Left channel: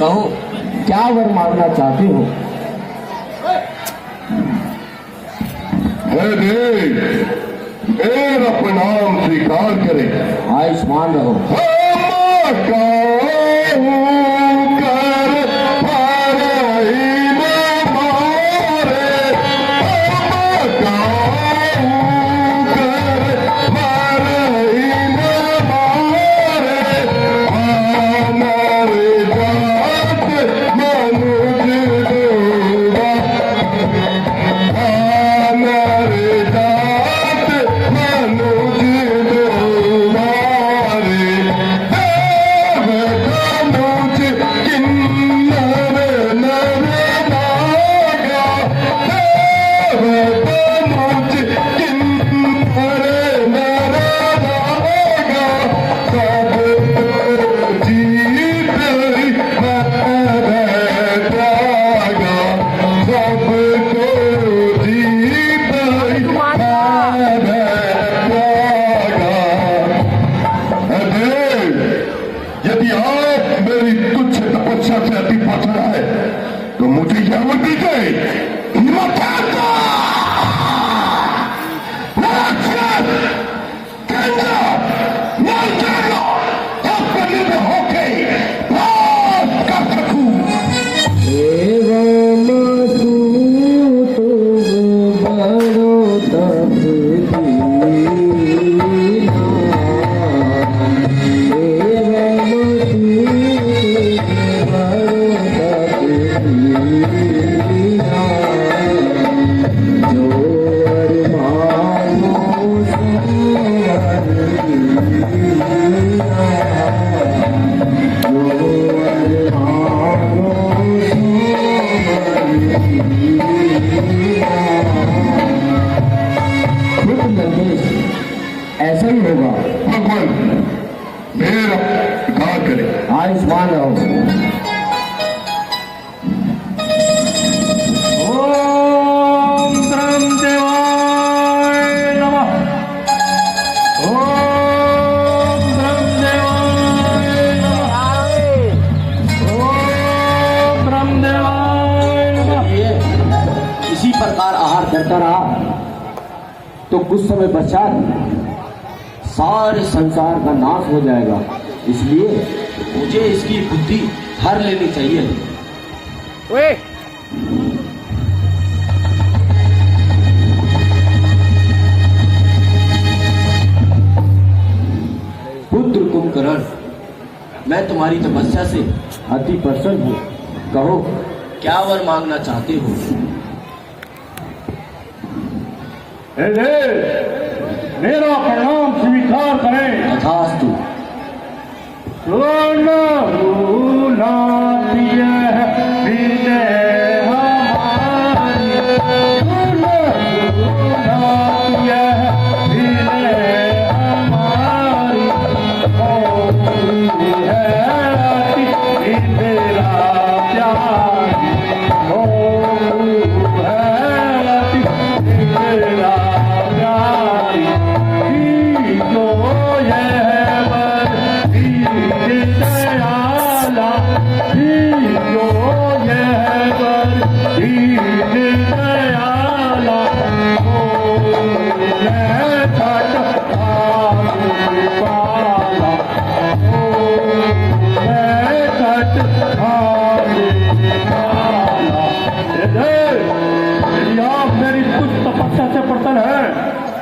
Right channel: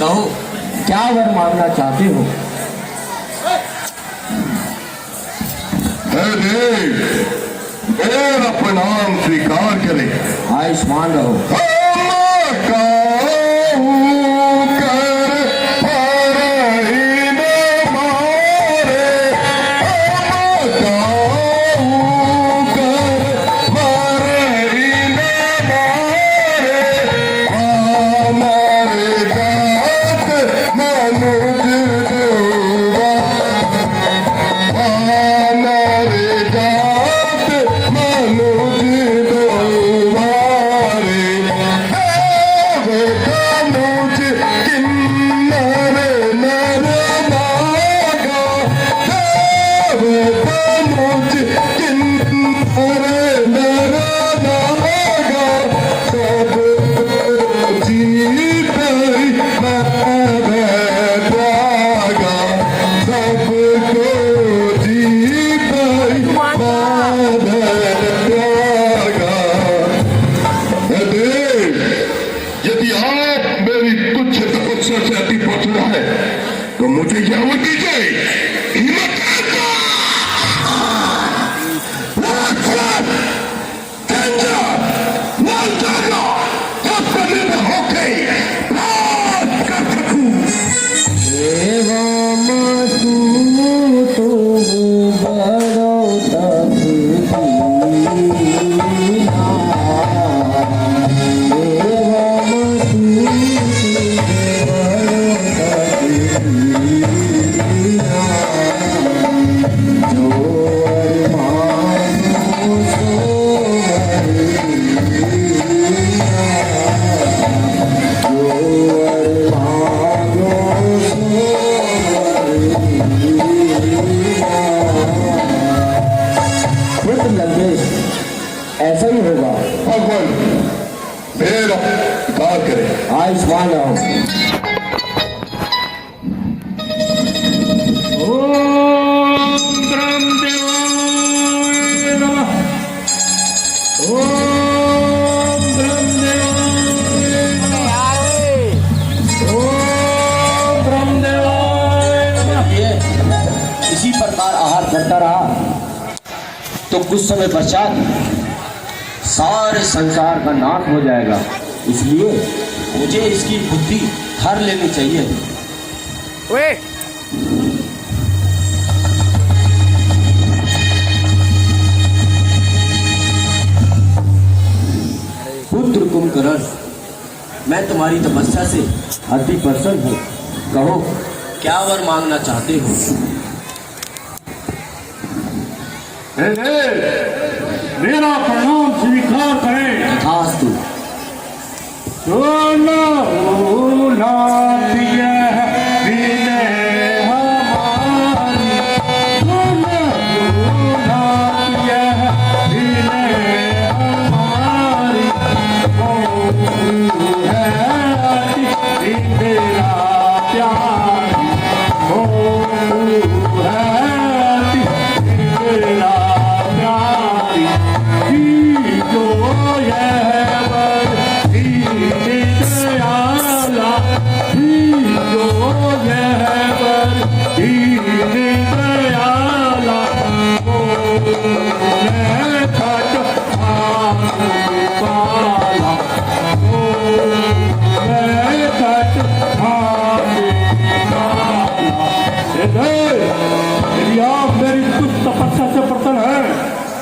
कहो क्या वर मांगना चाहते हो? मेरा प्रणाम स्वीकार करें। आयुष्मान रहो। यदि आप मेरी कुछ तपस्या से अति पहुंचना है तो मुझे जरूर दीजिए। ऐसा ही होगा। भगवान मेरा स्वीकार करें। आयुष्मान रहो। ओम ब्रह्मदेवाय नमः। ओम ब्रह्मदेवाय नमः। ओम ब्रह्मदेवाय नमः। इसी प्रकार आहार करता रहा तो कुछ समय पश्चात सारे संसार का नाश हो जाएगा। इसलिए मुझे इसकी बुद्धि हर लेनी चाहिए। पुत्र कुंभकर्ण, मैं तुम्हारी तपस्या से अति प्रसन्न हूँ। कहो क्या वर मांगना चाहते हो? मेरा प्रणाम स्वीकार करें। तथास्तु। Oh, yeah.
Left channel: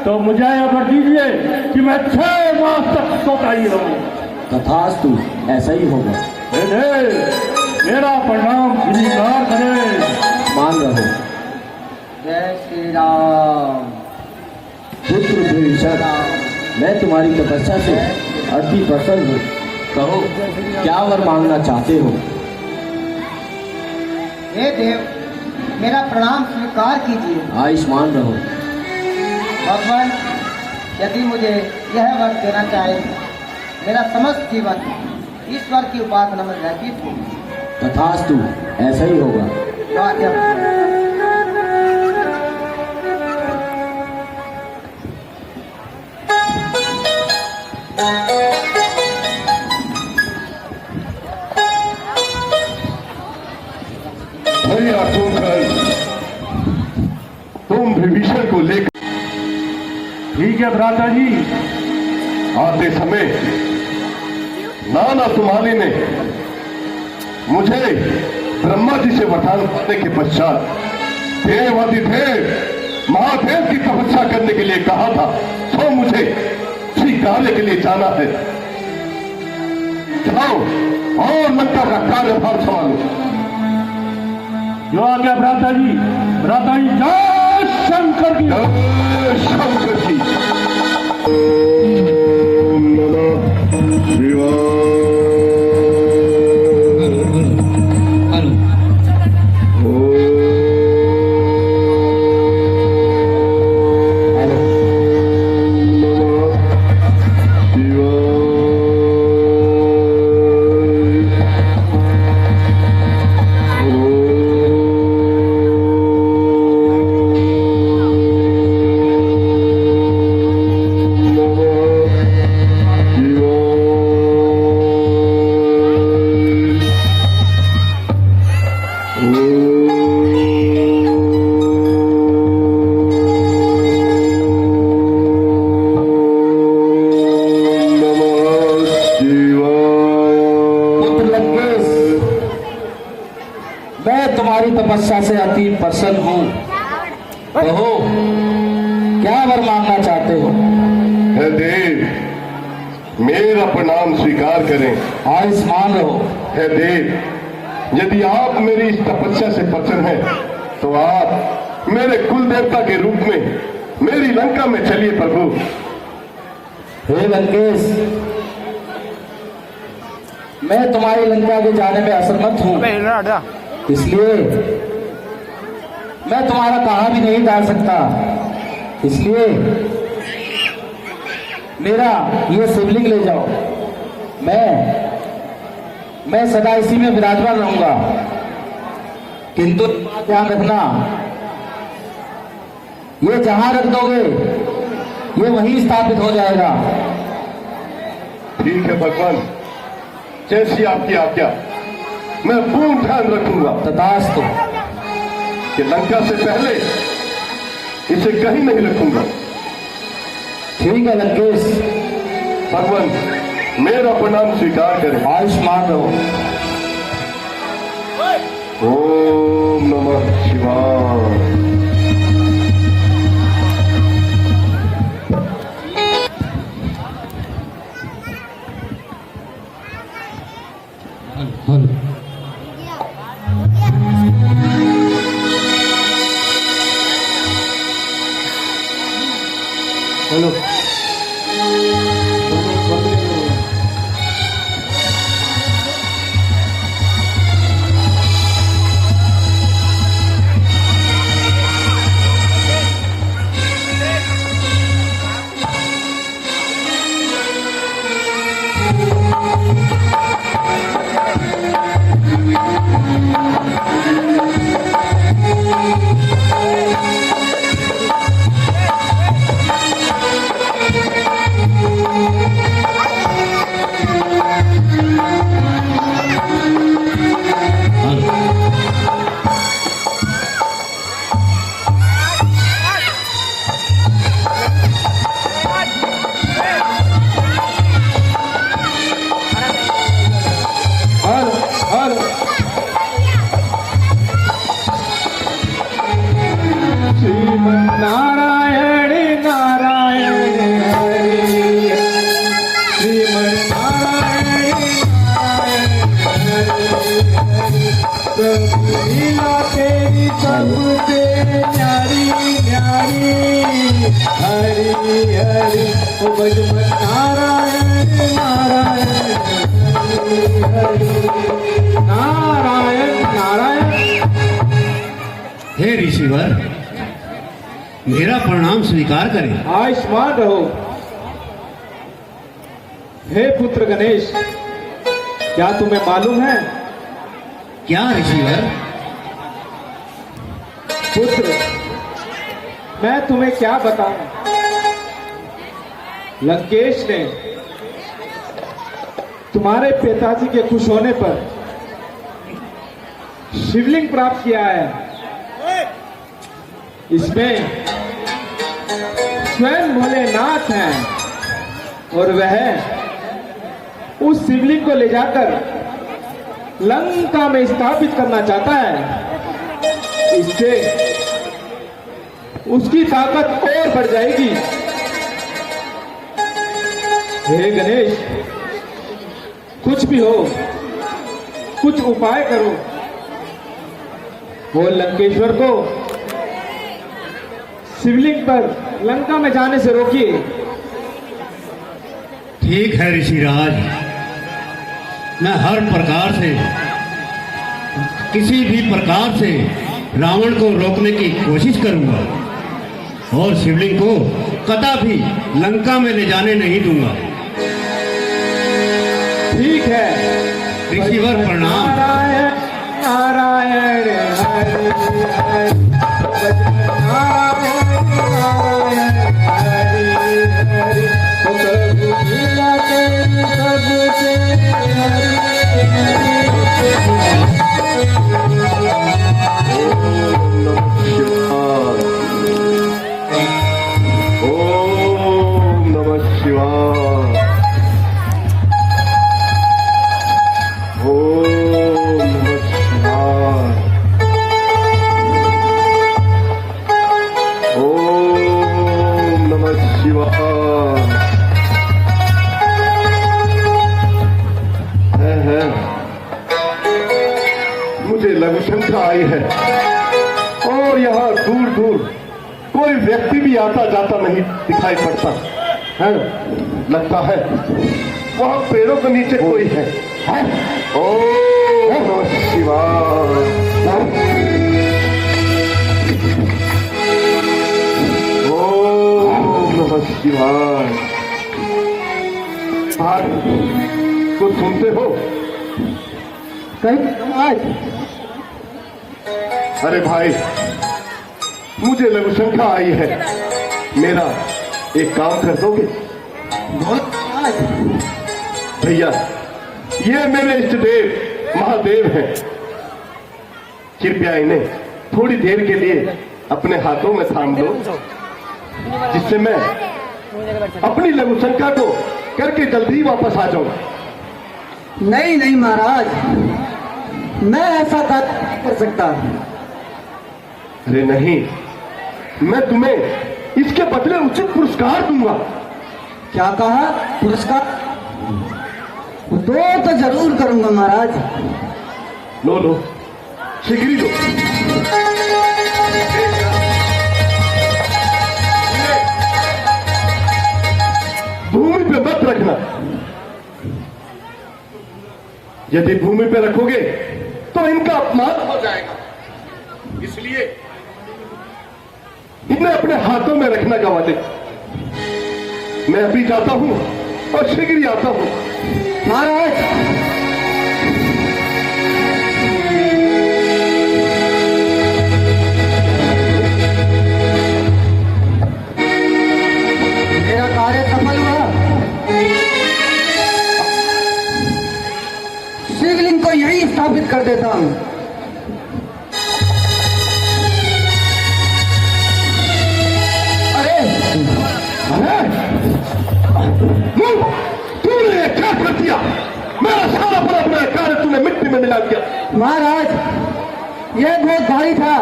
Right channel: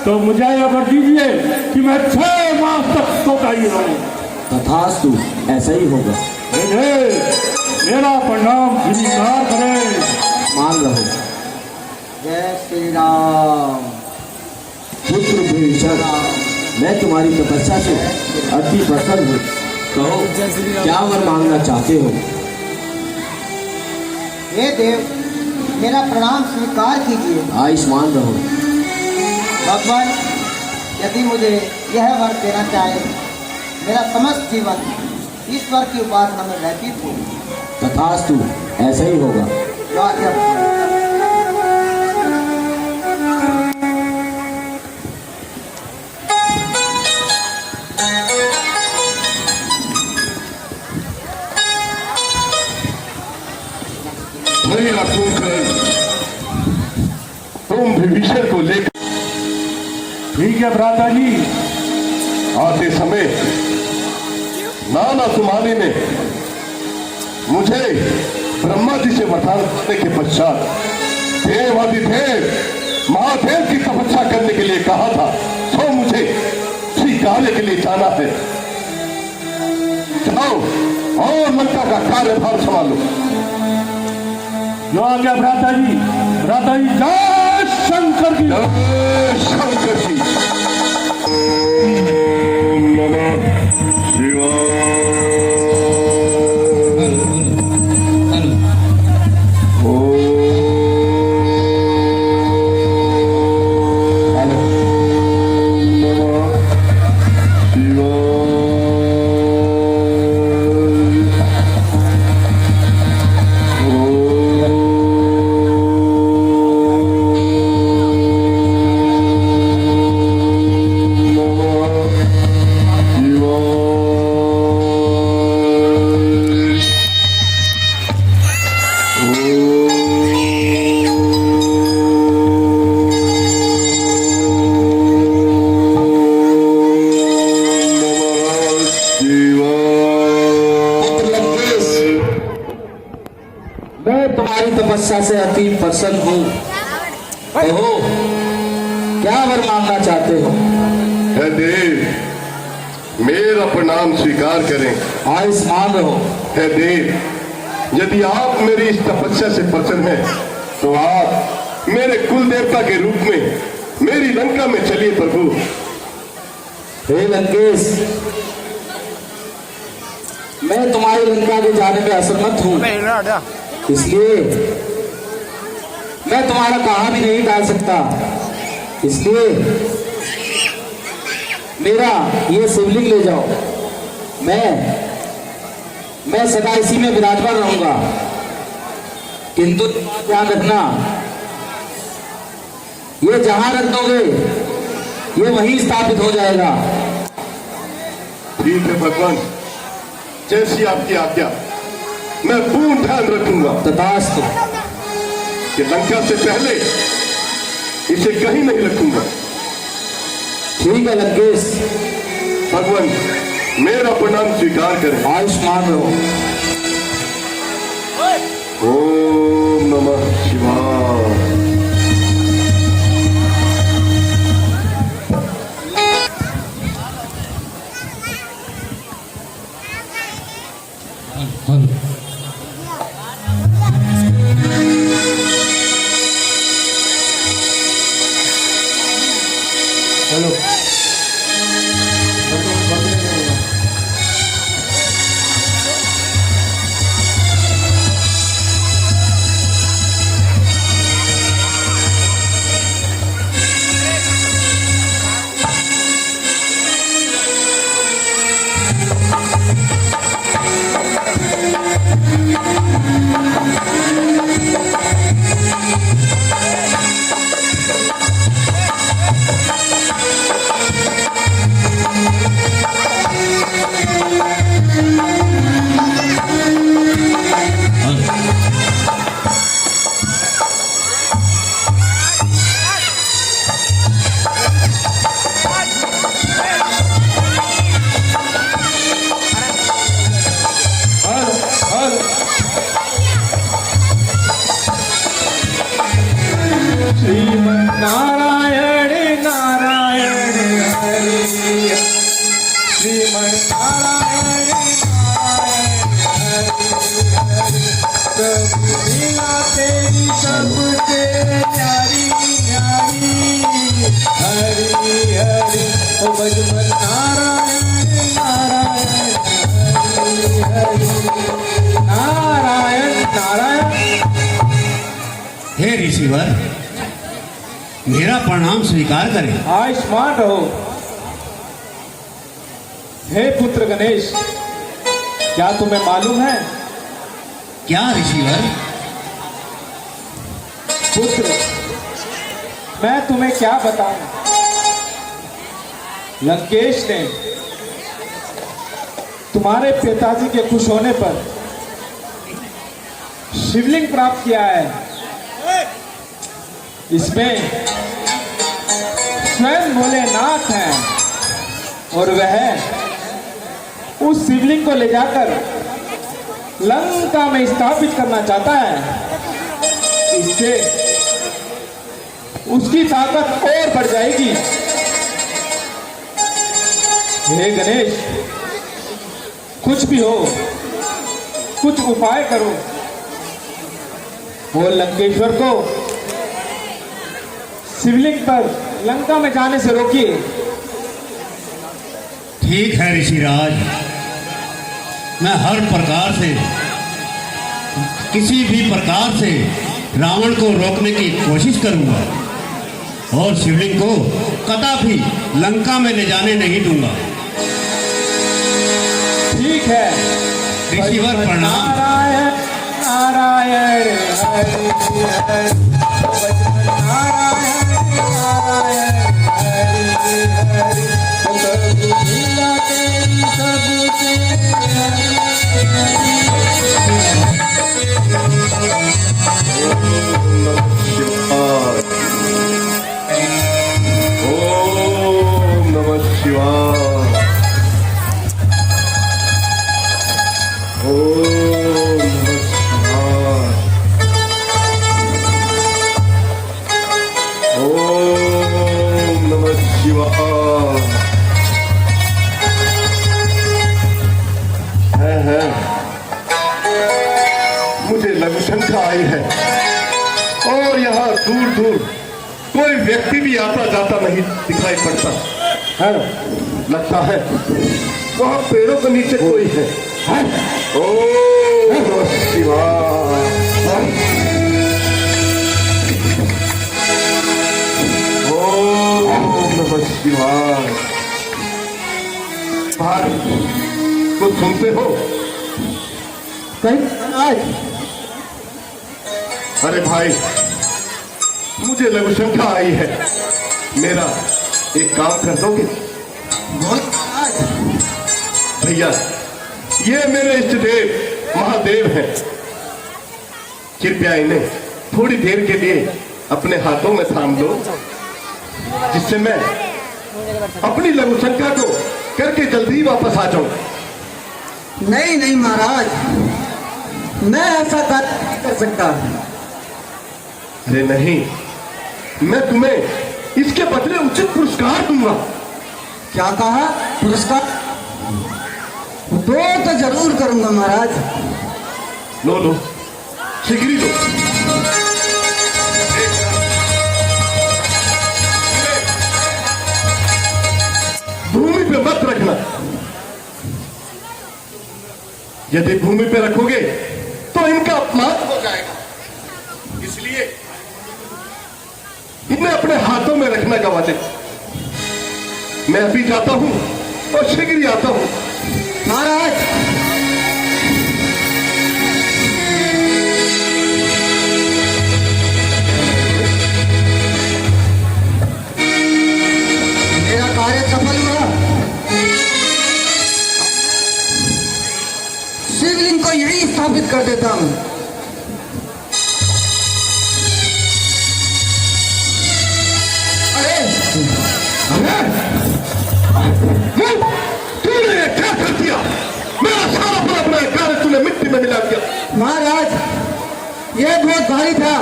तो मुझे यह कर दीजिए कि मैं 6 मास तक सोता ही रहूं। तथास्तु, ऐसा ही होगा। मेरा प्रणाम स्वीकार करें। मान रहो। जय श्री राम। पुत्र विभीषण, मैं तुम्हारी तपस्या से अति प्रसन्न हूँ। कहो, क्या वर मांगना चाहते हो? हे देव, मेरा प्रणाम स्वीकार कीजिए। आयुष्मान रहो। भगवान, यदि मुझे यह वर देना चाहे, मेरा समस्त जीवन ईश्वर की उपासना में व्यतीत हो। तथास्तु, ऐसा ही होगा। भैया तुम विभीषण को लेकर ठीक है भ्राता जी। आते समय नाना तुम्हारी ने मुझे ब्रह्मा जी से वरदान पाने के पश्चात देवादिदेव महादेव की तपस्या करने के लिए कहा था, तो मुझे स्वीकारने के लिए जाना है। जाओ और लंका का कार्यभार संभालो। जो आ गया भ्राता जी। भ्राता जी, जय शंकर की। शंकर जी। मैं तुम्हारी तपस्या से अति प्रसन्न हूँ। कहो, क्या वर मांगना चाहते हो? हे देव, मेरा प्रणाम स्वीकार करें। आयुष्मान रहो। हे देव, यदि आप मेरी इस तपस्या से प्रसन्न हैं, तो आप मेरे कुल देवता के रूप में मेरी लंका में चलिए प्रभु। हे लंकेश, मैं तुम्हारी लंका के जाने में असमर्थ हूँ, इसलिए मैं तुम्हारा कहा भी नहीं डाल सकता। इसलिए मेरा ये शिवलिंग ले जाओ। मैं सदा इसी में विराजमान रहूंगा, किंतु ध्यान रखना, ये जहां रख दोगे ये वहीं स्थापित हो जाएगा। ठीक है भगवान, जैसी आपकी आज्ञा, मैं पूर्ण ध्यान रखूंगा। तथास्तु। कि लंका से पहले इसे कहीं नहीं रखूंगा। ठीक है लंकेश। भगवान, मेरा प्रणाम स्वीकार करें। आयुष्मान रहो। ओम नमः शिवाय। न्यारी न्यारी हरि हरि ओ भज मन नारायण नारायण हरि हरि नारायण नारायण। हे ऋषिवर, मेरा प्रणाम स्वीकार करें। आयुष्मान रहो। हे पुत्र गणेश, क्या तुम्हें मालूम है? क्या ऋषिवर? पुत्र, मैं तुम्हें क्या बताऊं। लंकेश ने तुम्हारे पिताजी के खुश होने पर शिवलिंग प्राप्त किया है। इसमें स्वयं भोलेनाथ हैं और वह उस शिवलिंग को ले जाकर लंका में स्थापित करना चाहता है। इससे उसकी ताकत और बढ़ जाएगी। हे गणेश, कुछ भी हो, कुछ उपाय करो और लंकेश्वर को शिवलिंग पर लंका में जाने से रोकिए। ठीक है ऋषिराज, मैं हर प्रकार से, किसी भी प्रकार से रावण को रोकने की कोशिश करूंगा और शिवलिंग को कदापि लंका में ले जाने नहीं दूंगा। ठीक है ऋषिवर प्रणाम। नारायण नारायण हरि हरि नारायण नारायण हरि हरि प्रभु लीला तेरी सबके ओम नमः शिवाय। ओम नमः शिवाय। ओम नमः शिवाय। हाँ, मुझे लघु शंका आई है और यहाँ दूर दूर कोई व्यक्ति भी आता जाता नहीं दिखाई पड़ता है। लगता है वहाँ पेड़ों के नीचे कोई है। ओम नमः शिवाय। ओम नमः शिवाय। तो सुनते हो? अरे भाई, मुझे लघु शंका आई है, मेरा एक काम कर दोगे? भैया, ये मेरे इष्ट देव महादेव हैं। कृपया इन्हें थोड़ी देर के लिए अपने हाथों में थाम दो, जिससे मैं अपनी लघु शंका को करके जल्दी वापस आ जाऊं। नहीं नहीं महाराज, मैं ऐसा कार्य नहीं कर सकता। अरे नहीं, मैं तुम्हें इसके बदले उचित पुरस्कार दूंगा। क्या कहा? पुरस्कार? दो तो जरूर करूंगा महाराज। लो लो, शिगरी लो। भूमि पे मत रखना। यदि भूमि पे रखोगे तो इनका अपमान हो जाएगा, इसलिए इन्हें अपने हाथों में रखना गवा दे। मैं अभी जाता हूं और शीघ्र ही आता हूं। महाराज, मेरा कार्य सफल हुआ। शिवलिंग को यहीं स्थापित कर देता हूं। तूने क्या कर दिया? मेरा सारा बड़ा कार्य तूने मिट्टी में मिला दिया। महाराज, यह बहुत भारी था,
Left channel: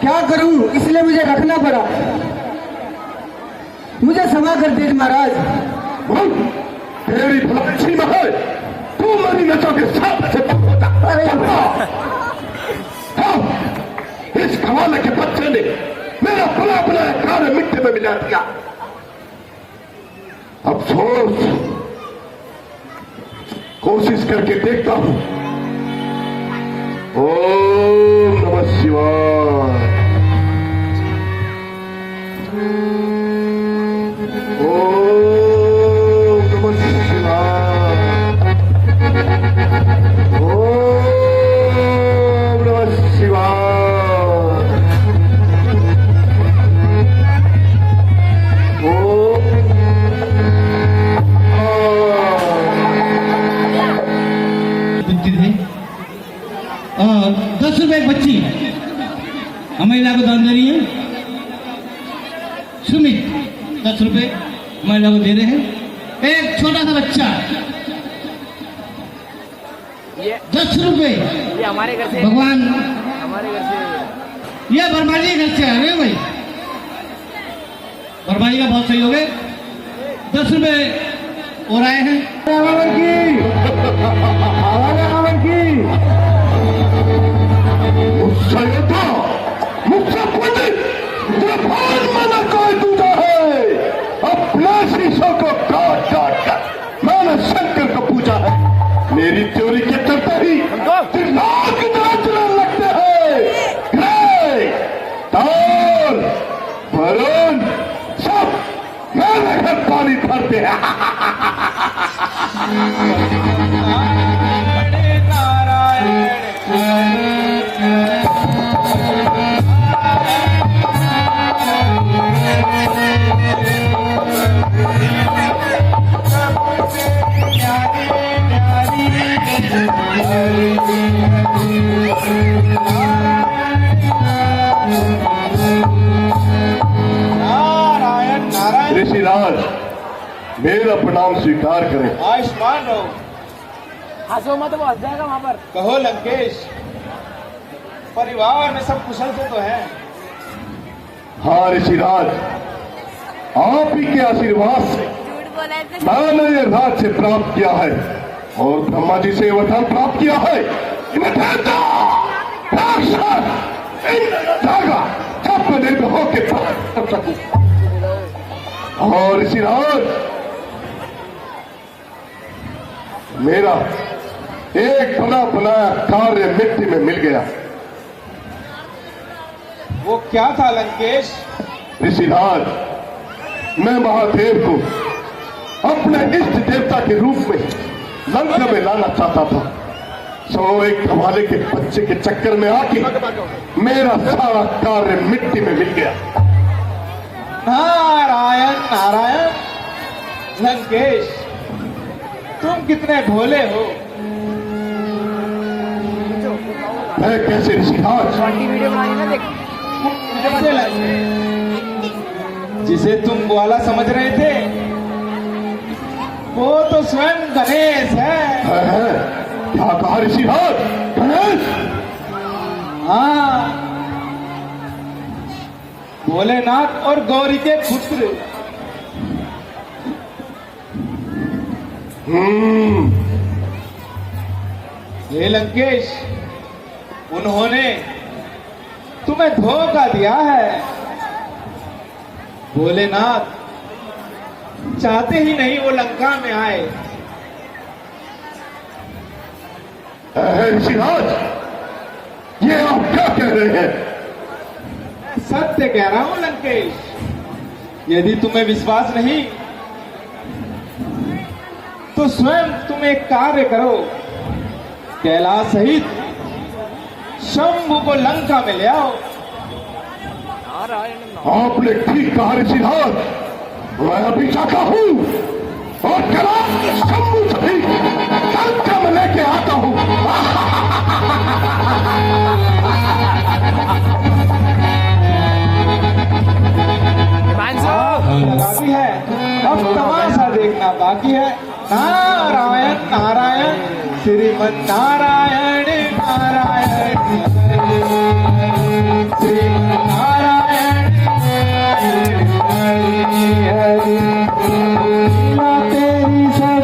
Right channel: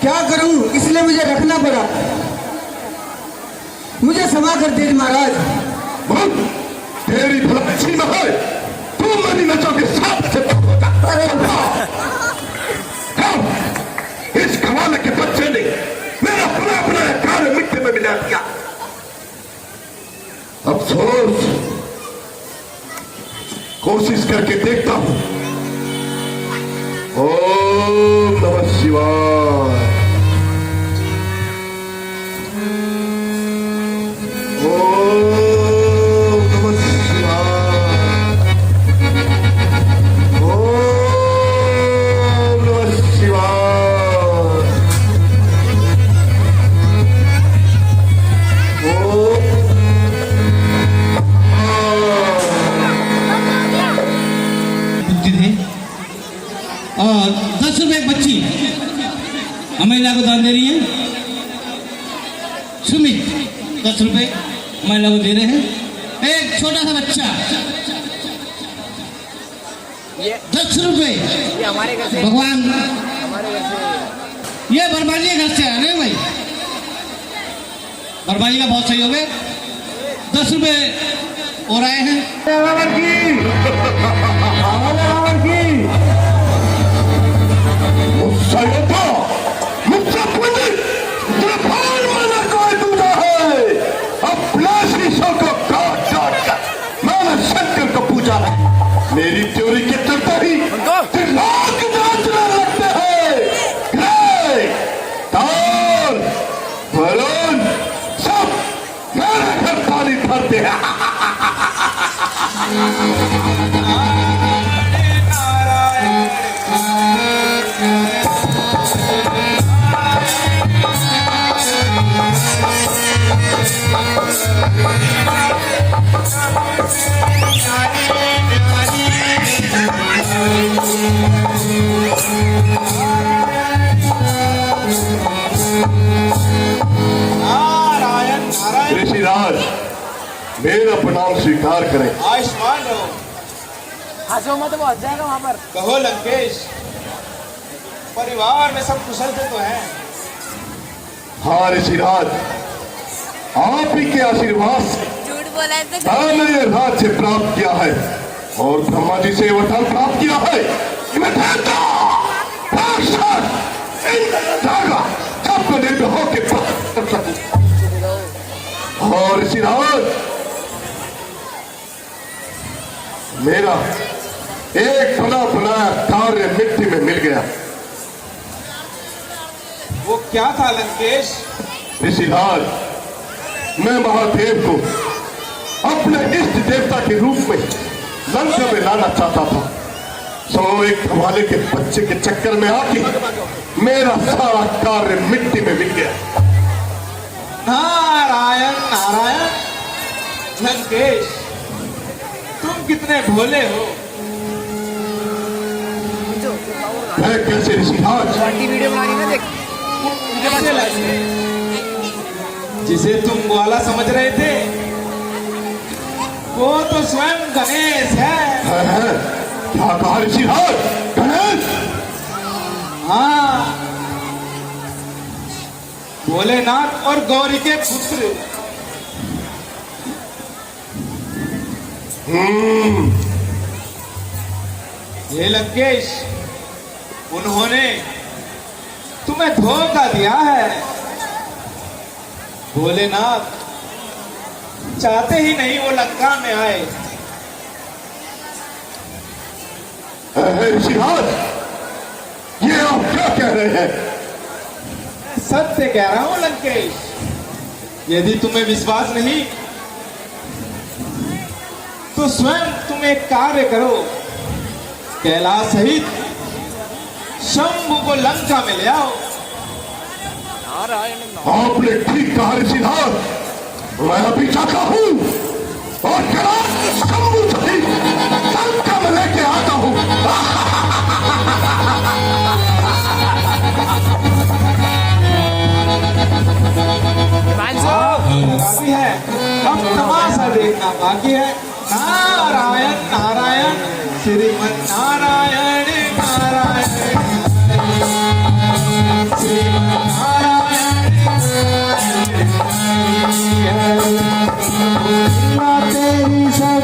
क्या करूं, इसलिए मुझे रखना पड़ा। मुझे क्षमा कर दीजिए महाराज। तेरी भलाई में है, तू मेरी नचों के साथ होगा। इस कमाल के बच्चे ने कोशिश करके देखता हूं। ओम नमः शिवाय। ओम नमः शिवाय। ओम नमः शिवाय। ओम बुद्धि थी। 10 रुपए एक बच्ची महिला को दान दे रही है। सुमित 10 रुपए महिला को दे रहे हैं। एक छोटा सा बच्चा 10 रुपए। ये हमारे घर से, भगवान हमारे घर से। ये बरबाजी के घर से आ रहे हैं भाई। बरबाजी का बहुत सहयोग है। 10 रुपए और आए हैं। मुझसे मुझसे कोई दूजा है। अपने शीशों को काट काट कर मैंने शंकर को पूजा है। मेरी चोरी के चलते ही दिमाग नाचने लगते हैं। ताल बलून सब मेरे घर पानी भरते हैं। ऋषिराज मेरा प्रणाम स्वीकार करें। आयुष्मान रहो। हंसो मत, वो हंस जाएगा वहां पर। कहो लंकेश, परिवार में सब कुशल से तो हैं। हाँ ऋषिराज, आप ही के आशीर्वाद से मैंने ये राज्य प्राप्त किया है और ब्रह्मा जी से वरदान प्राप्त किया है। इन्हें देवता, राक्षस, इंद्र, सब निर्भय होके प्राप्त कर सकूं। और ऋषिराज, मेरा एक बड़ा बनाया कार्य मिट्टी में मिल गया। वो क्या था लंकेश? ऋषिराज, मैं महादेव को अपने इष्ट देवता के रूप में लंका में लाना चाहता था। सो एक धमाले के बच्चे के चक्कर में आके मेरा सारा कार्य मिट्टी में मिल गया। नारायण नारायण। लंकेश, तुम कितने भोले हो। मैं कैसे ऋषिराज? पार्टी वीडियो बनानी ना, देख उनके पास कैसे लगे? जिसे तुम ग्वाला समझ रहे थे वो तो स्वयं गणेश है। क्या कहा ऋषिराज? गणेश? हाँ, भोलेनाथ और गौरी के पुत्र। हे लंकेश, उन्होंने तुम्हें धोखा दिया है। भोलेनाथ चाहते ही नहीं वो लंका में आए। ऋषिराज, ये आप क्या कह रहे हैं? सत्य कह रहा हूं लंकेश। यदि तुम्हें विश्वास नहीं तो स्वयं तुम एक कार्य करो। कैलाश सहित शंभु को लंका में ले आओ। आपने ठीक कहा ऋषिराज, मैं अभी जाता हूँ और कैलाश शंभु सहित लंका में लेके आता हूँ। बाकी है, अब तमाशा देखना बाकी है। नारायण नारायण श्रीमन नारायण नारायण श्रीमन नारायण तेरी सब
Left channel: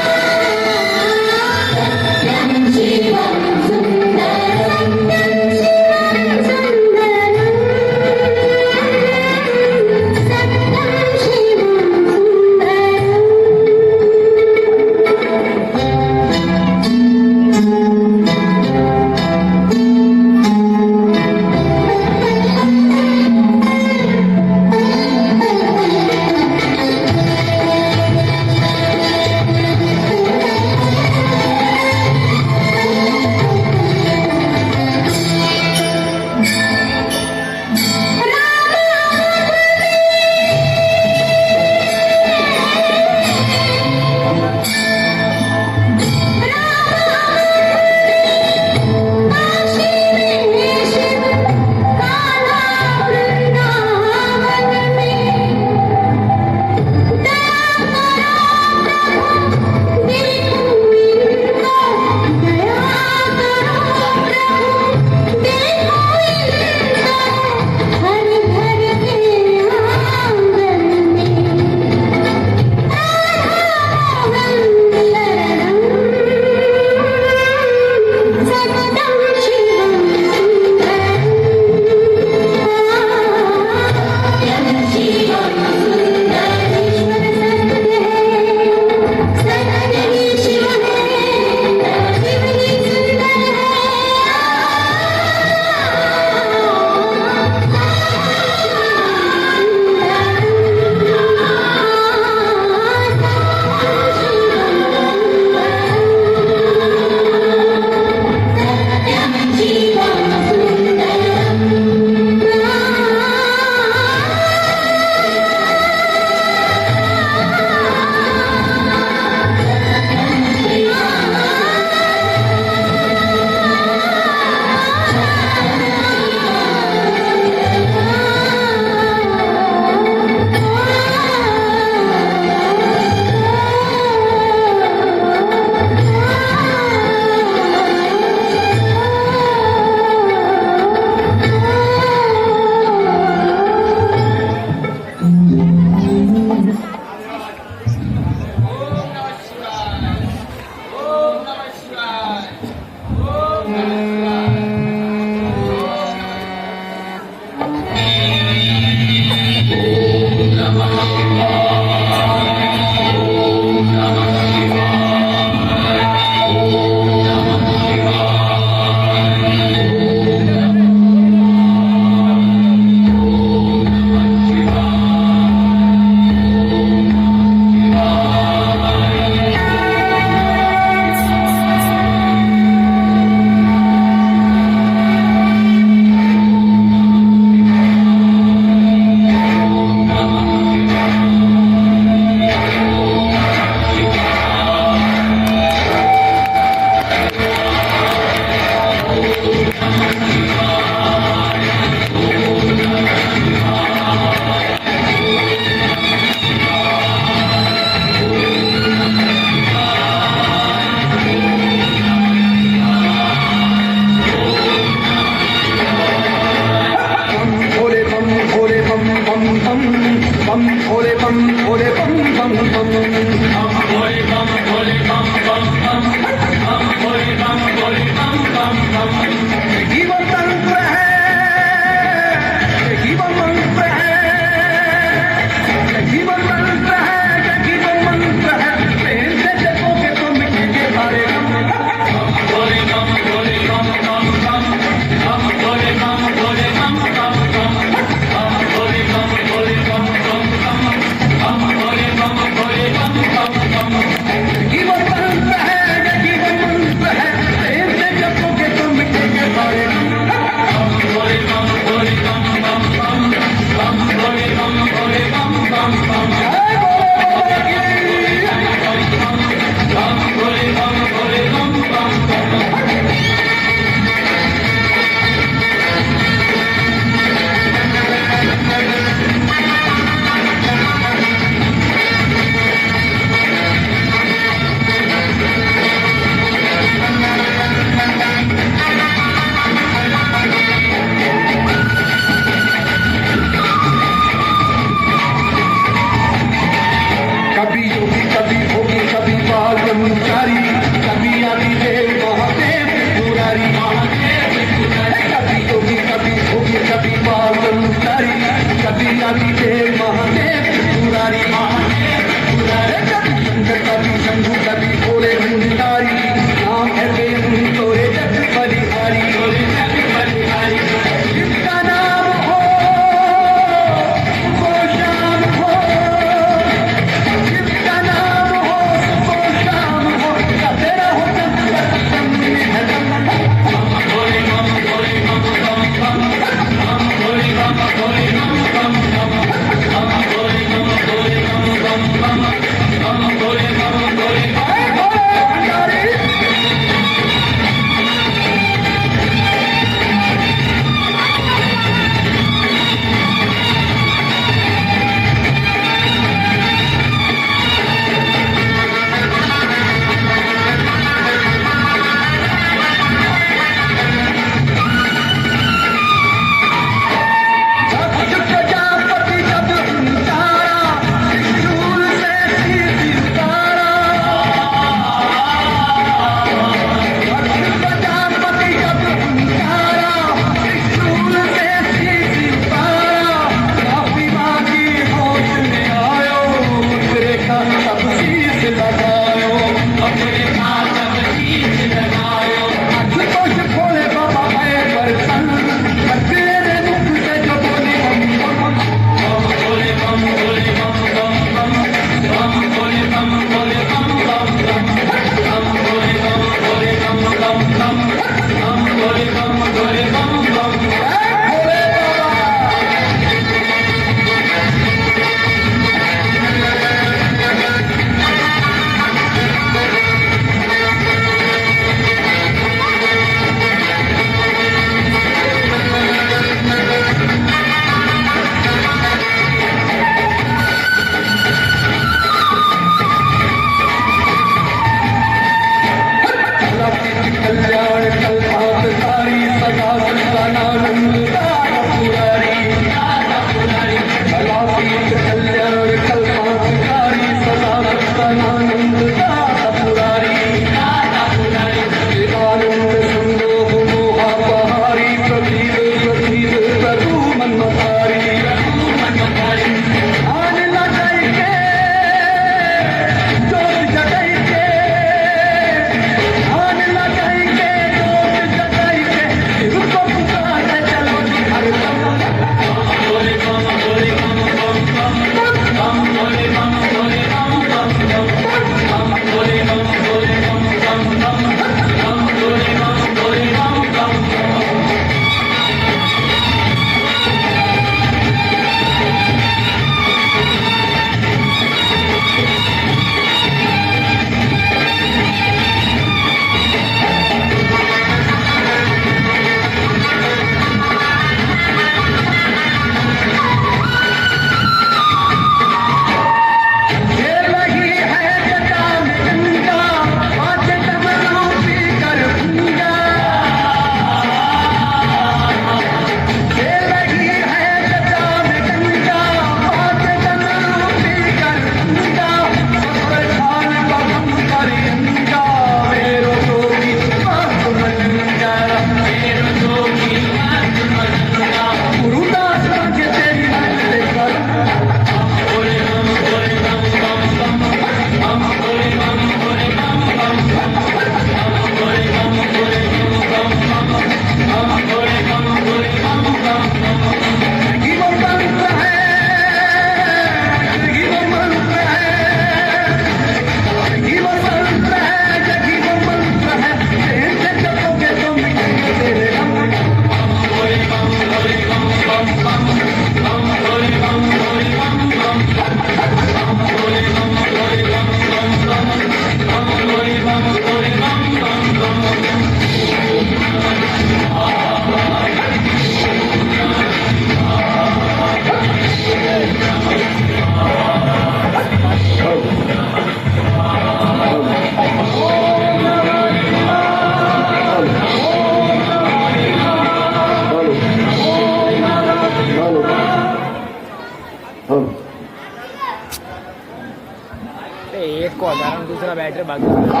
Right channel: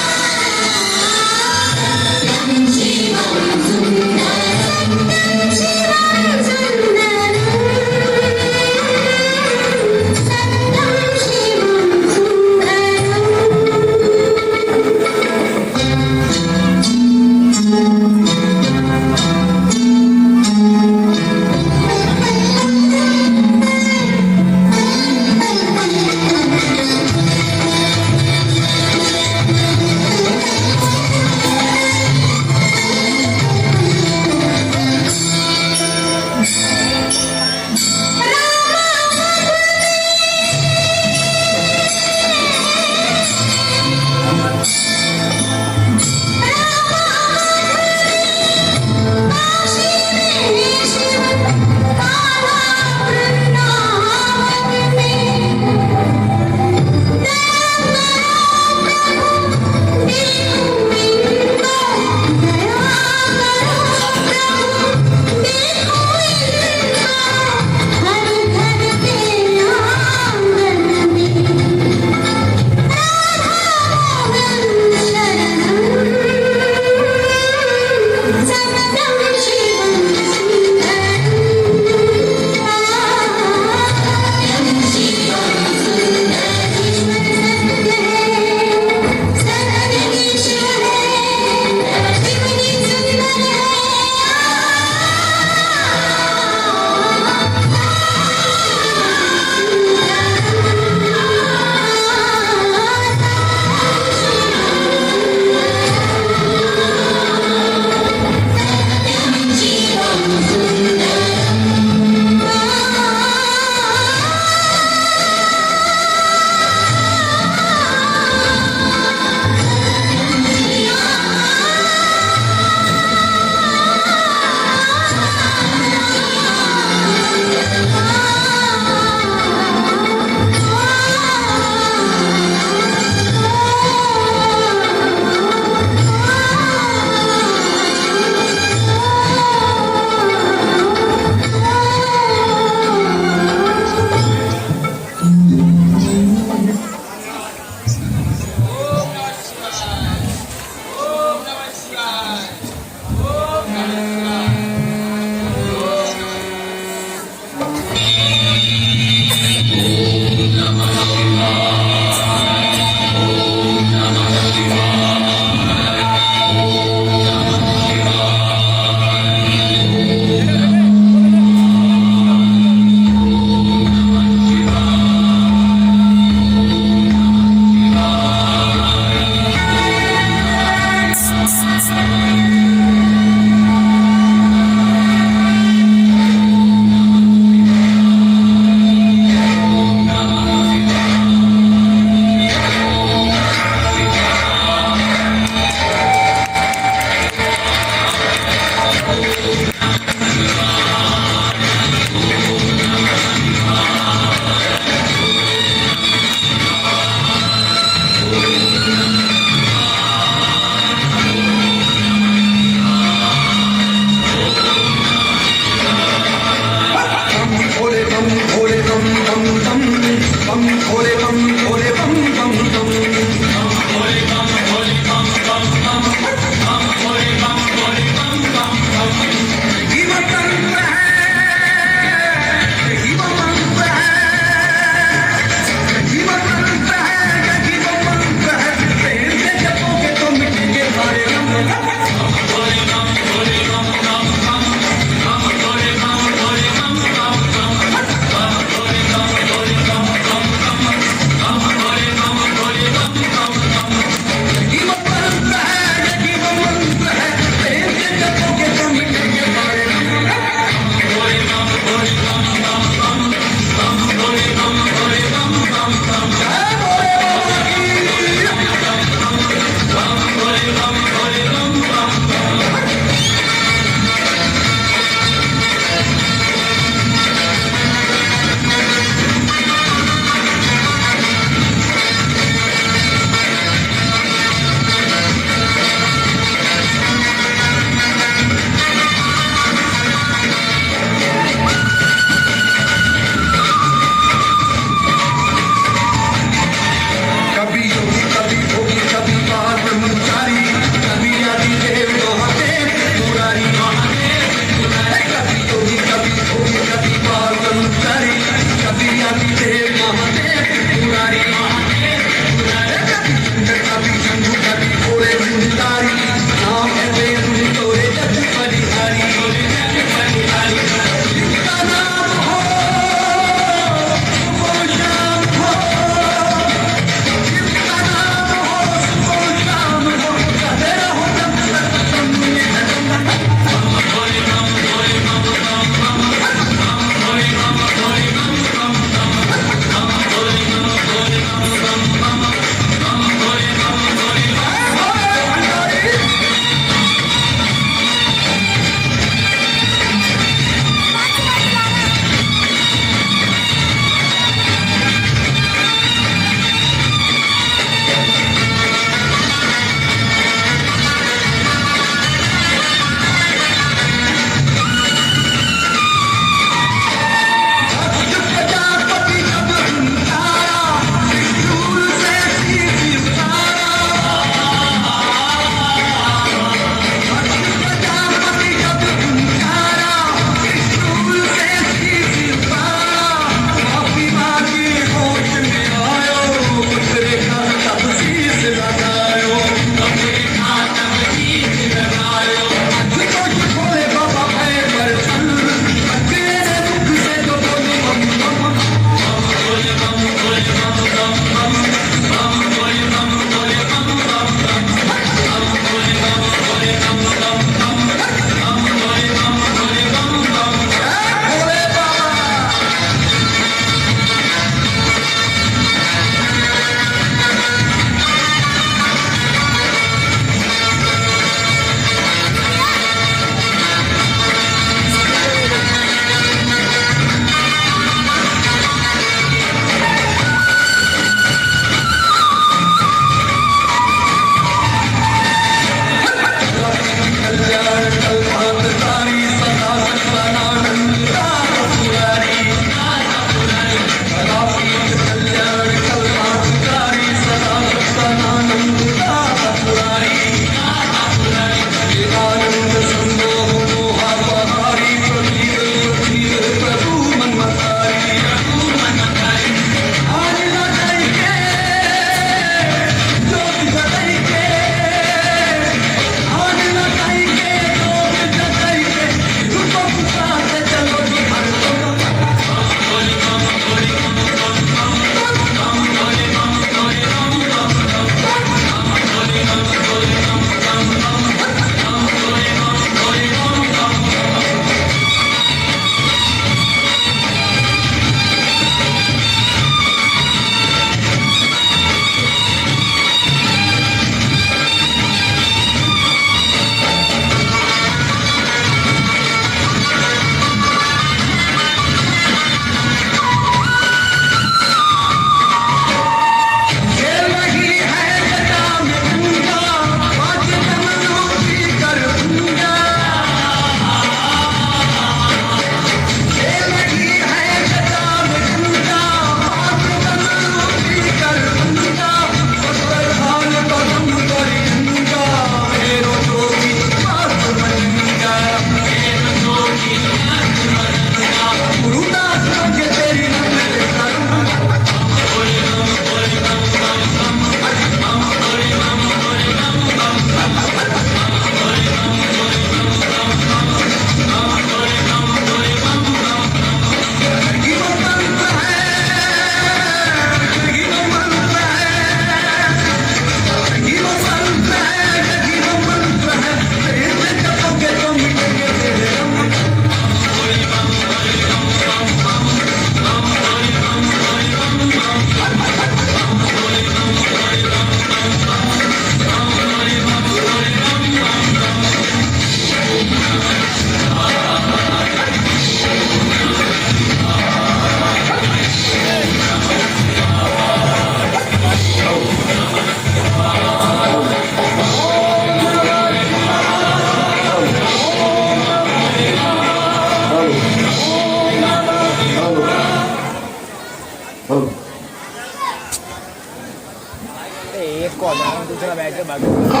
एक को हटा रहा दूसरा बैठ के भाग रहा।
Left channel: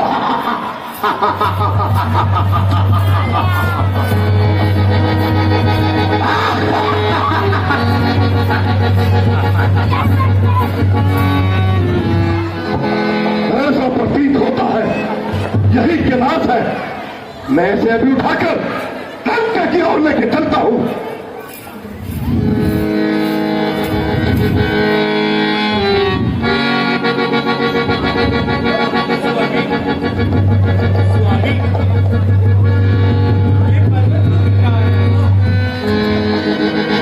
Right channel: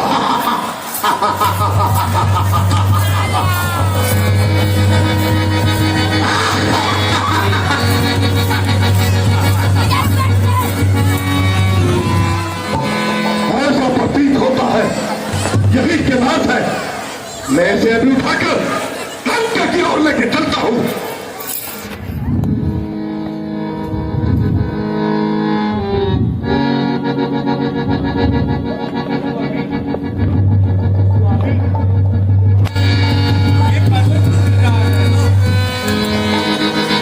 ऐसा प्रतीत होता है यही किरात है। मैं इसे अभी उठाकर लंका की ओर लेके चलता हूं।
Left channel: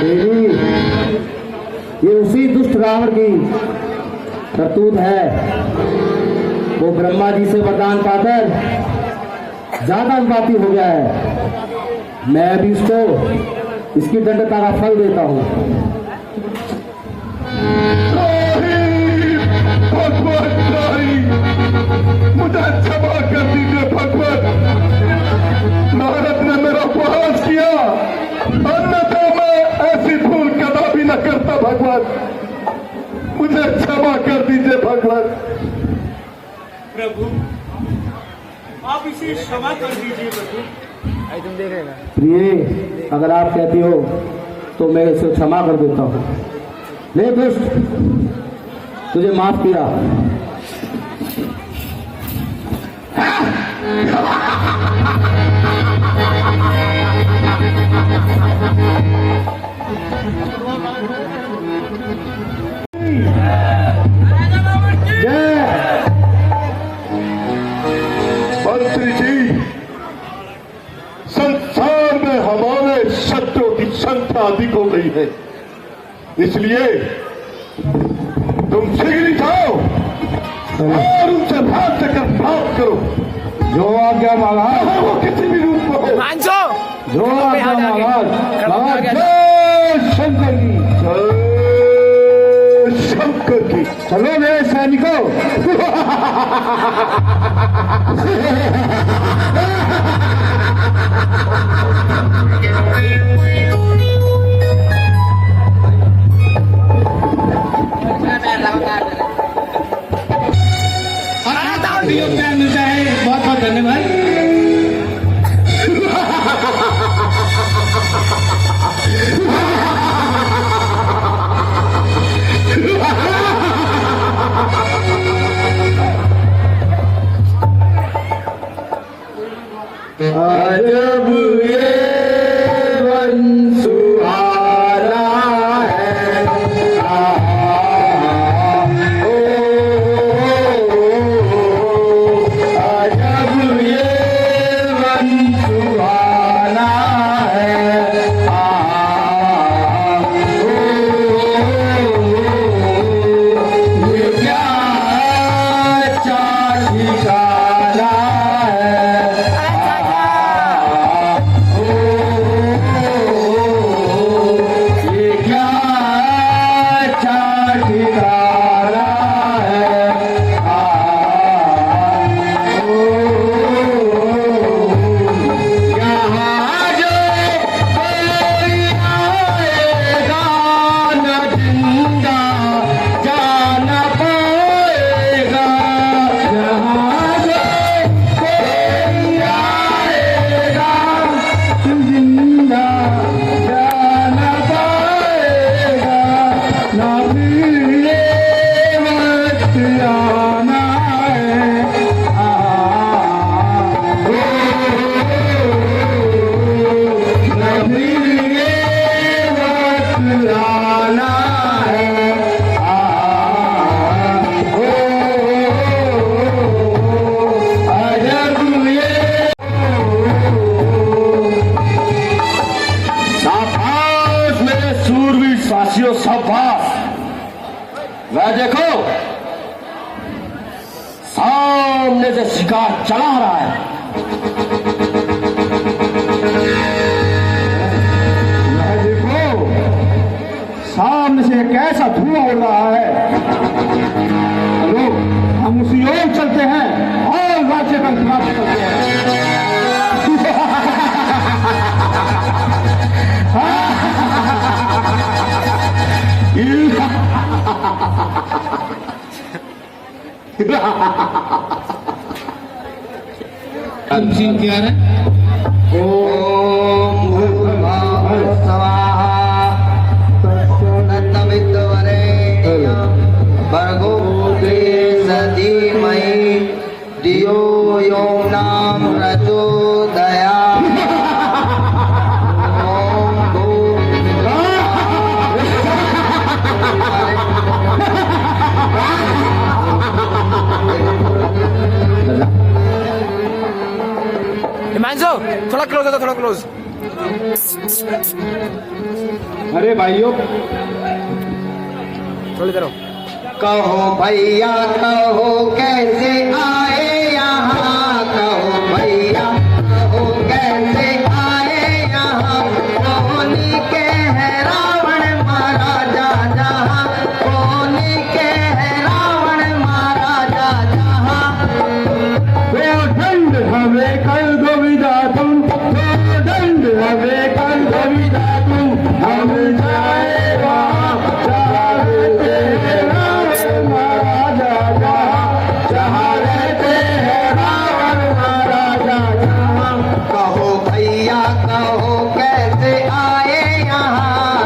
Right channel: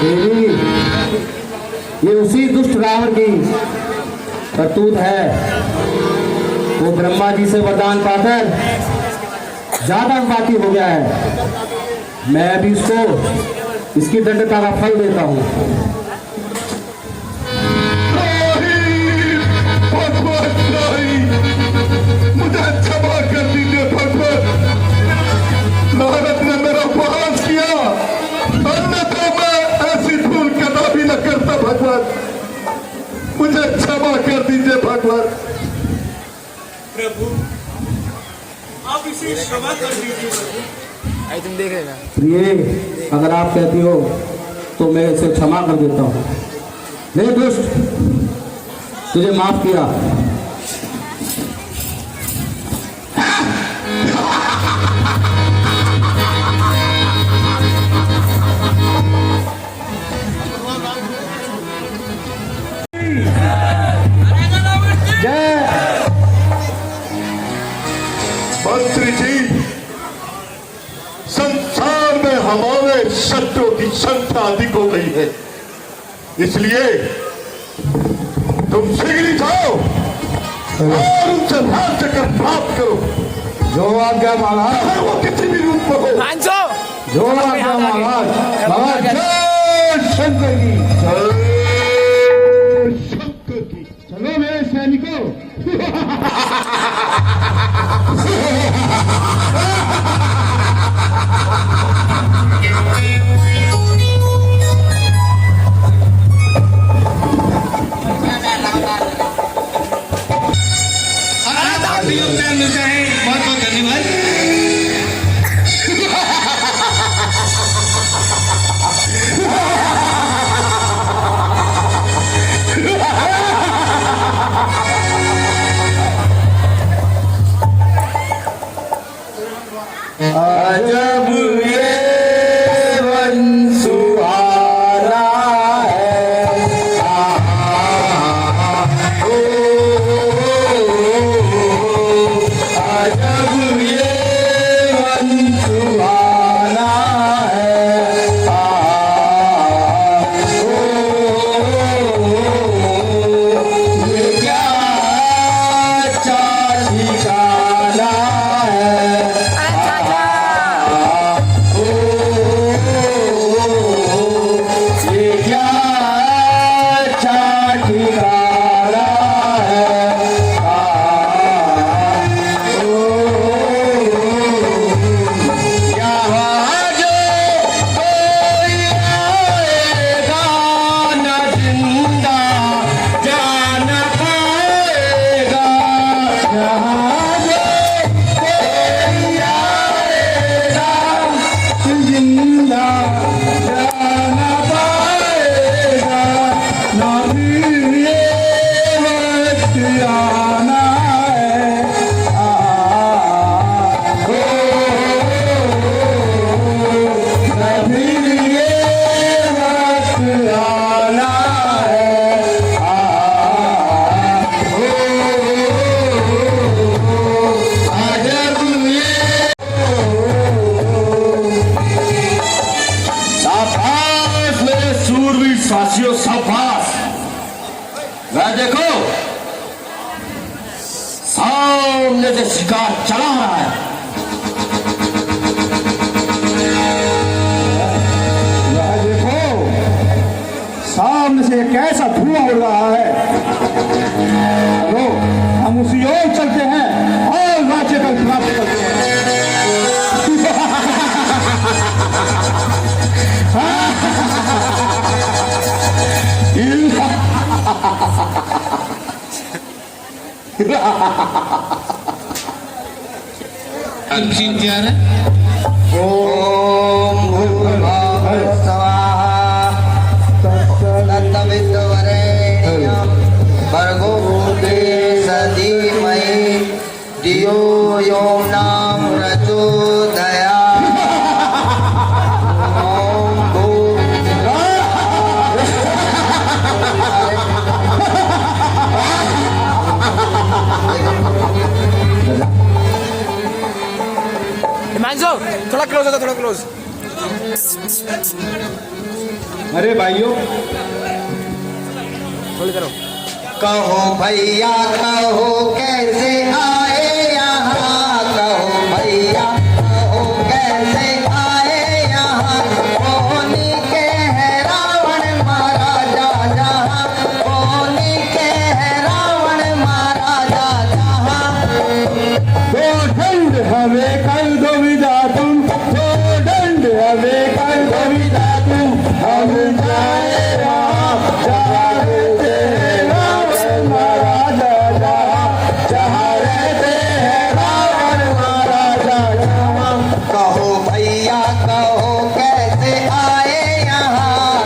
देवी, ये उसी दुष्ट रावण की करतूत है। वो ब्रह्मा जी से वरदान पाकर ज्यादा उत्पाती हो गया है। मैं अभी इसको इसकी दंडता का फल देता हूँ। मुझे क्षमा कर दीजिए भगवान। नारद ने मेरा उपहास किया, अन्यथा मैं ऐसी भूल कदापि न करता भगवान। मुझे क्षमा कर दीजिए भगवान। प्रभु आप इसे क्षमा कर दीजिए प्रभु। आई तुम देख लेना। प्रिय, अगर आप कहती हो तो मैं इसे क्षमा कर देता हूँ। नहीं दुष्ट, तुझे माफ किया। जय मंत्री जी, संसार में हमारे शब्दों की संख्या अधिक हो गई है, इसलिए तुम शीघ्र ही जाओ और उनसे राज्य कर प्राप्त करो। जो आज्ञा महाराज, वो किसी भी रूप में हो। मांझो जो आज्ञा महाराज। जय शंकर की। शंकर की। चलो मेरे सैनिकों। योगदान मिलता है, बहुत बहुत धन्यवाद। अजब ये वन सुहाना है। अजब ये वन सुहाना है। ये क्या चार ठिकाना है। अरे चाचा ये क्या चार ठिकाना है। यहाँ जो कोई आएगा न जिंदा जाना पाएगा। यहाँ जो कोई आएगा जिंदा जाना पाएगा। ना फिर ये वक्त आना है। ना फिर ये वक्त आना है। अजब ये शाबाश मेरे सूरवीर साथियों, शाबाश। वह देखो सामने से शिकार चला आ रहा है। वह देखो सामने से एक ऐसा धुआं उड़ रहा है। चलो हम उसी ओर चलते हैं और राज्य का खिलाफ करते हैं। अब सीन तैयार है। ओम भूर्भुवः स्वः तत्सवितुर्वरेण्यं भर्गो देवस्य धीमहि धियो यो नः प्रचोदयात्। ओम भूर्भुवः हिमांशु थोड़ा क्लोज होता, थोड़ा क्लोज। अरे भाइयों, थोड़ी करो। कहो भैया कहो कैसे आए यहाँ, कहो भैया कहो कैसे आए यहाँ, रोनी के है रावण महाराजा जहाँ, रोनी के है रावण महाराजा जहाँ। दंड हमें कर दो विदा तुम, दंड हमें कर दो विदा तुम, हम जाए वहाँ जहाँ रहते हैं रावण महाराजा जहाँ, जहाँ रहते हैं रावण महाराजा जहाँ। कहो भैया कहो कैसे आए यहाँ,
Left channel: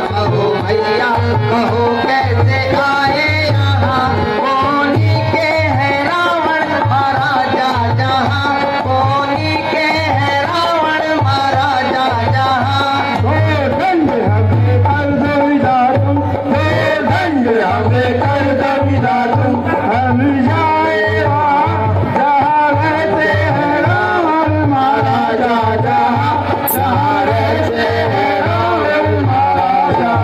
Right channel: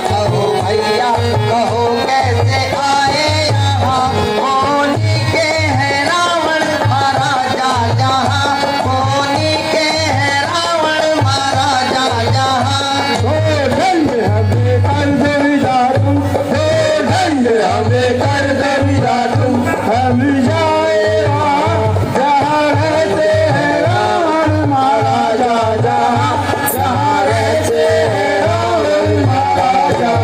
कहो भैया कहो कैसे आए यहाँ, रोनी के है रावण महाराजा जहाँ, रोनी के है रावण महाराजा जहाँ। दंड हमें कर दो विदा तुम, दंड हमें कर दो विदा तुम, हम जाए वहाँ जहाँ रहते हैं रावण महाराजा जहाँ, जहाँ रहते हैं रावण महाराजा।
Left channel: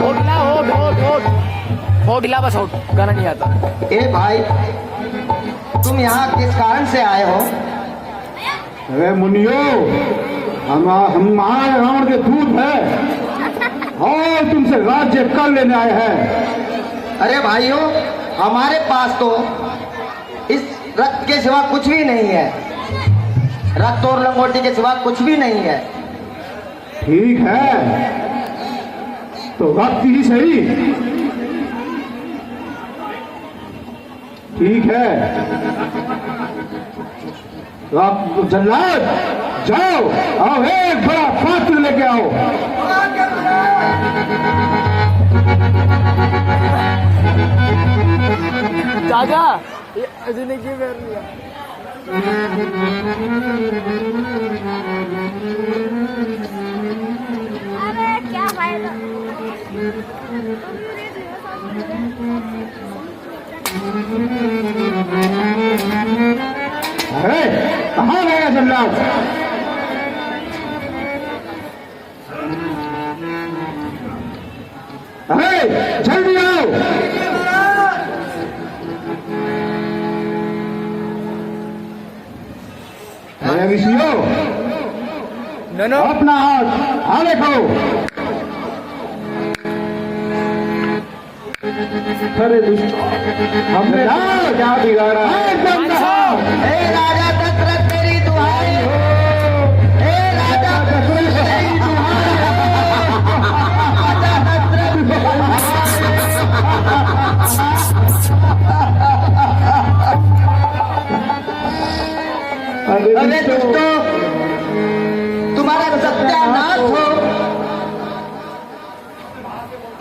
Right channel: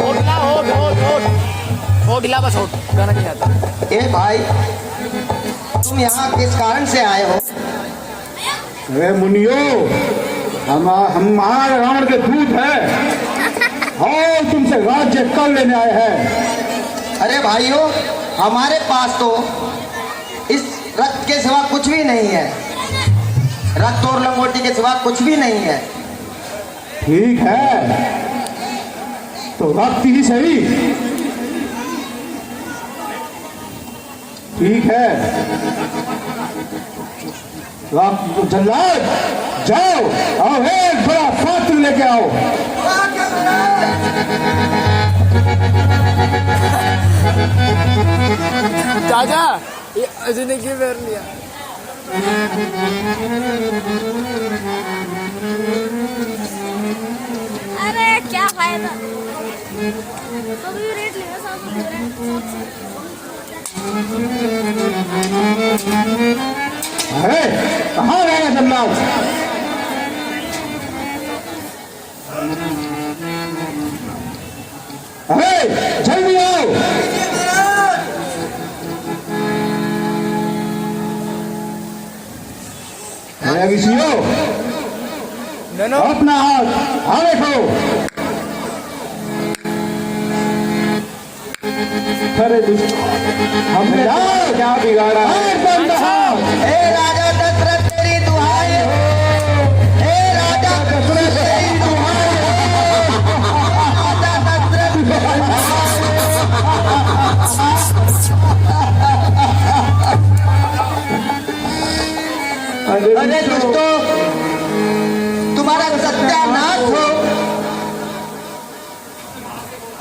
होट ला, होट होट होट होट ला, बस होट, गाना नहीं आता। ए भाई, तुम यहाँ किस कारण से आए हो? वे मुनियो, हम महारावण के दूत हैं और तुमसे राज्य कर लेने आए हैं। अरे भाइयों, हमारे पास तो इस रथ के सिवा कुछ भी नहीं है, रथ और लंगोटी के सिवा कुछ भी नहीं है। ठीक है, तो वक्त ही सही। ठीक है, तो आप जल्लाद जाओ और एक बड़ा पात्र लेके आओ। चाचा ये अजय की पैर लिया। अरे क्या फायदा, अभी रेट लेना सब। अरे कहाँ गया जल्लाद? अरे जल्दी आओ। अरे विषयो, नो अपना हाथ आगे करो। अरे हमने क्या बिगाड़ा? हे राजा दशरथ तेरी दुहाई, हे राजा दशरथ तेरी दुहाई। अरे दोस्तों, तुम्हारा सत्यानाश हो।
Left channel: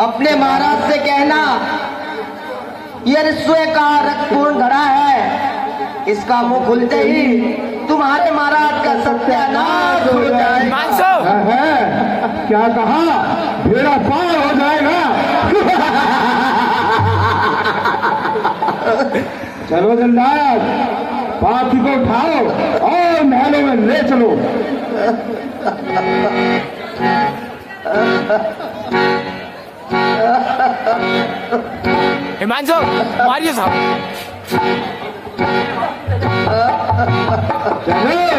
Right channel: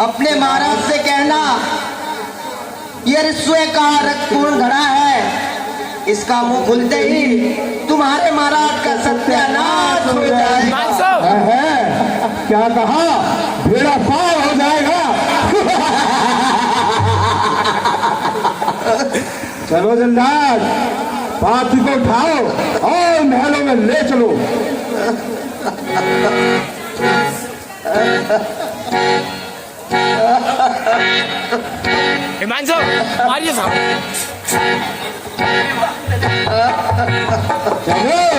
अपने महाराज से कहना ये रिश्वे का रक्तपूर्ण घड़ा है, इसका मुंह खुलते ही तुम्हारे महाराज का सत्यानाश हो जाए। है, क्या कहा? बेड़ा पार हो जाएगा। चलो जल्लाद, पापी को उठाओ और महलों में ले चलो। हिमांशु मारिए साहब। चलो।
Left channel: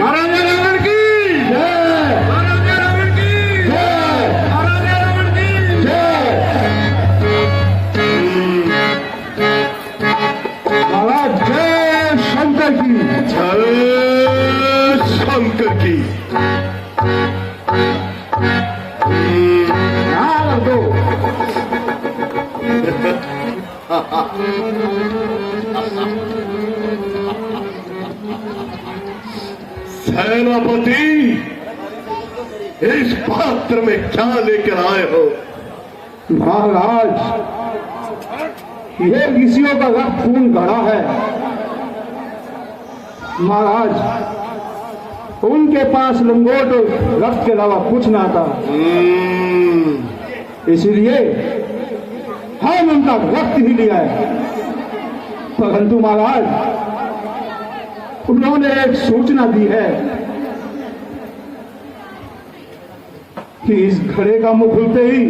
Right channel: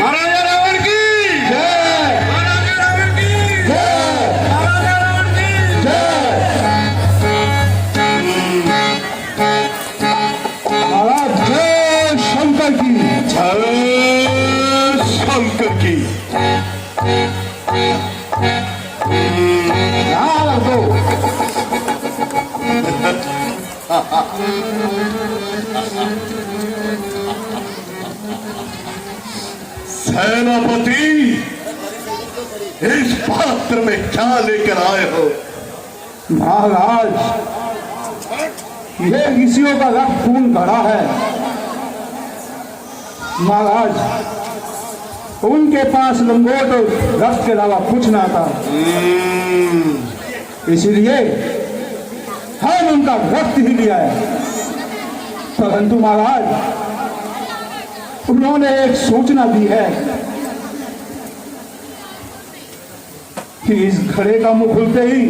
महाराजा रावण की जय, महाराजा रावण की जय, महाराजा रावण की जय। महाराज जय शंकर की। जय शंकर की। सेनापति, इस पात्र में क्या लेकर आए हो? महाराज, यह ऋषियों का रक्त खून गढ़ा है। महाराज, उनके पास लंगोट और रक्त के अलावा कुछ ना था, इसलिए हम उनका रक्त ही लिया है। परंतु महाराज, उन्होंने एक सूचना दी है कि इस घड़े का मुंह खुलते ही,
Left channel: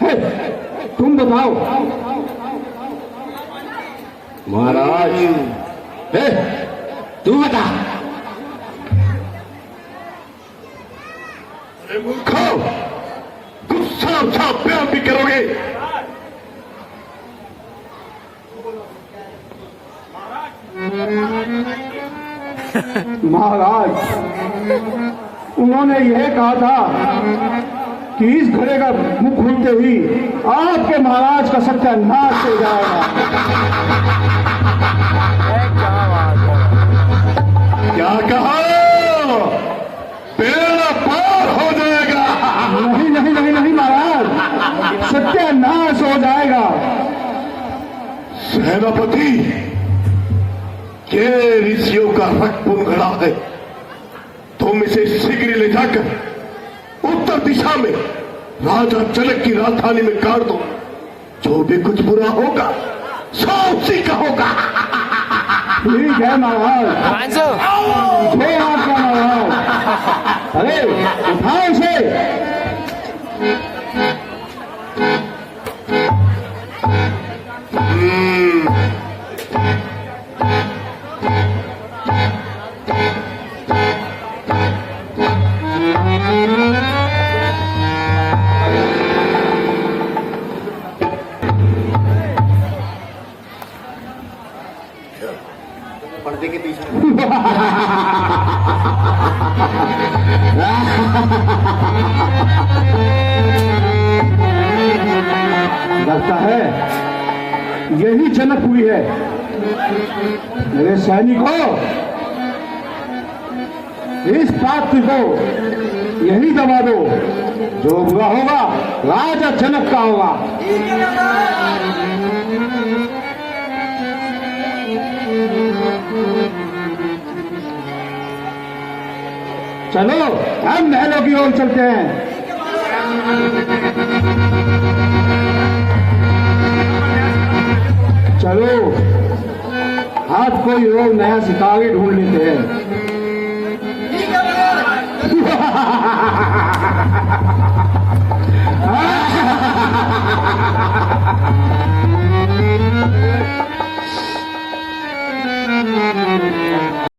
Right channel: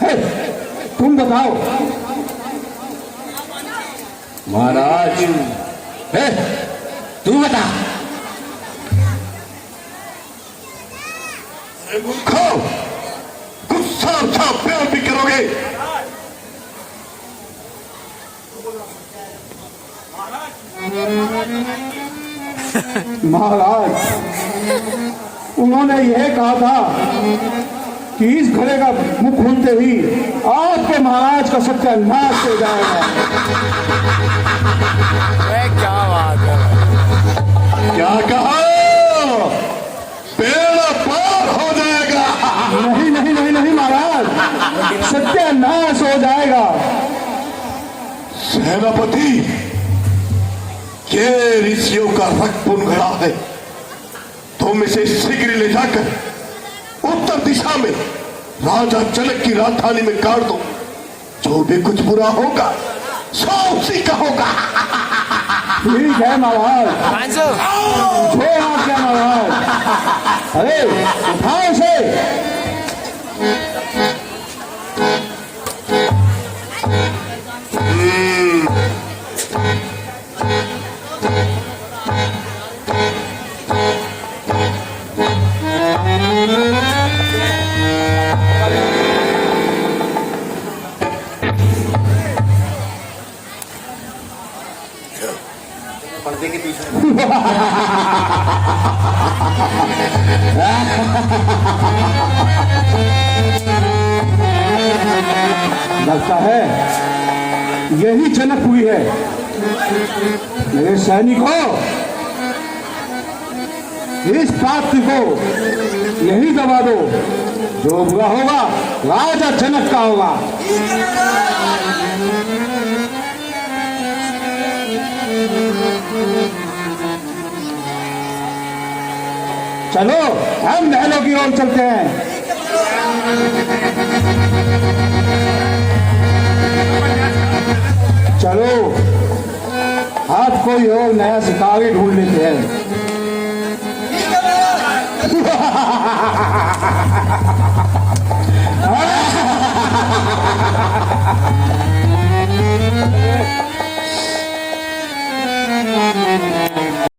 है, तुम बताओ। महाराज, है, तू बता। अरे मूर्खो, गुस्सा अच्छा प्यार भी करोगे? महाराज, उन्होंने यह कहा था कि इस घड़े का मुंह खोलते ही आपके महाराज का सत्यानाश हो जाएगा। क्या बात है भाई। क्या कहा? बेड़ा पार हो जाएगा। नहीं नहीं नहीं नहीं महाराज, सत्यानाश हो जाएगा। सेनापति, ये ऋषियों का रक्त गड़ा है। तुम इसे शीघ्र ले जाकर उत्तर दिशा में राजा जनक की राजधानी में गाड़ दो। जो भी कुछ बुरा होगा सो उसी का होगा। ठीक है महाराज, जो आज्ञा महाराज। अरे उठाओ इसे। लगता है यही जनक हुई है। मेरे सैनिकों, इस पात्र को यही दबा दो। जो बुरा होगा राजा जनक का होगा। चलो हम महलों की ओर चलते हैं। चलो आज कोई और नया सितारे ढूंढ लेते हैं।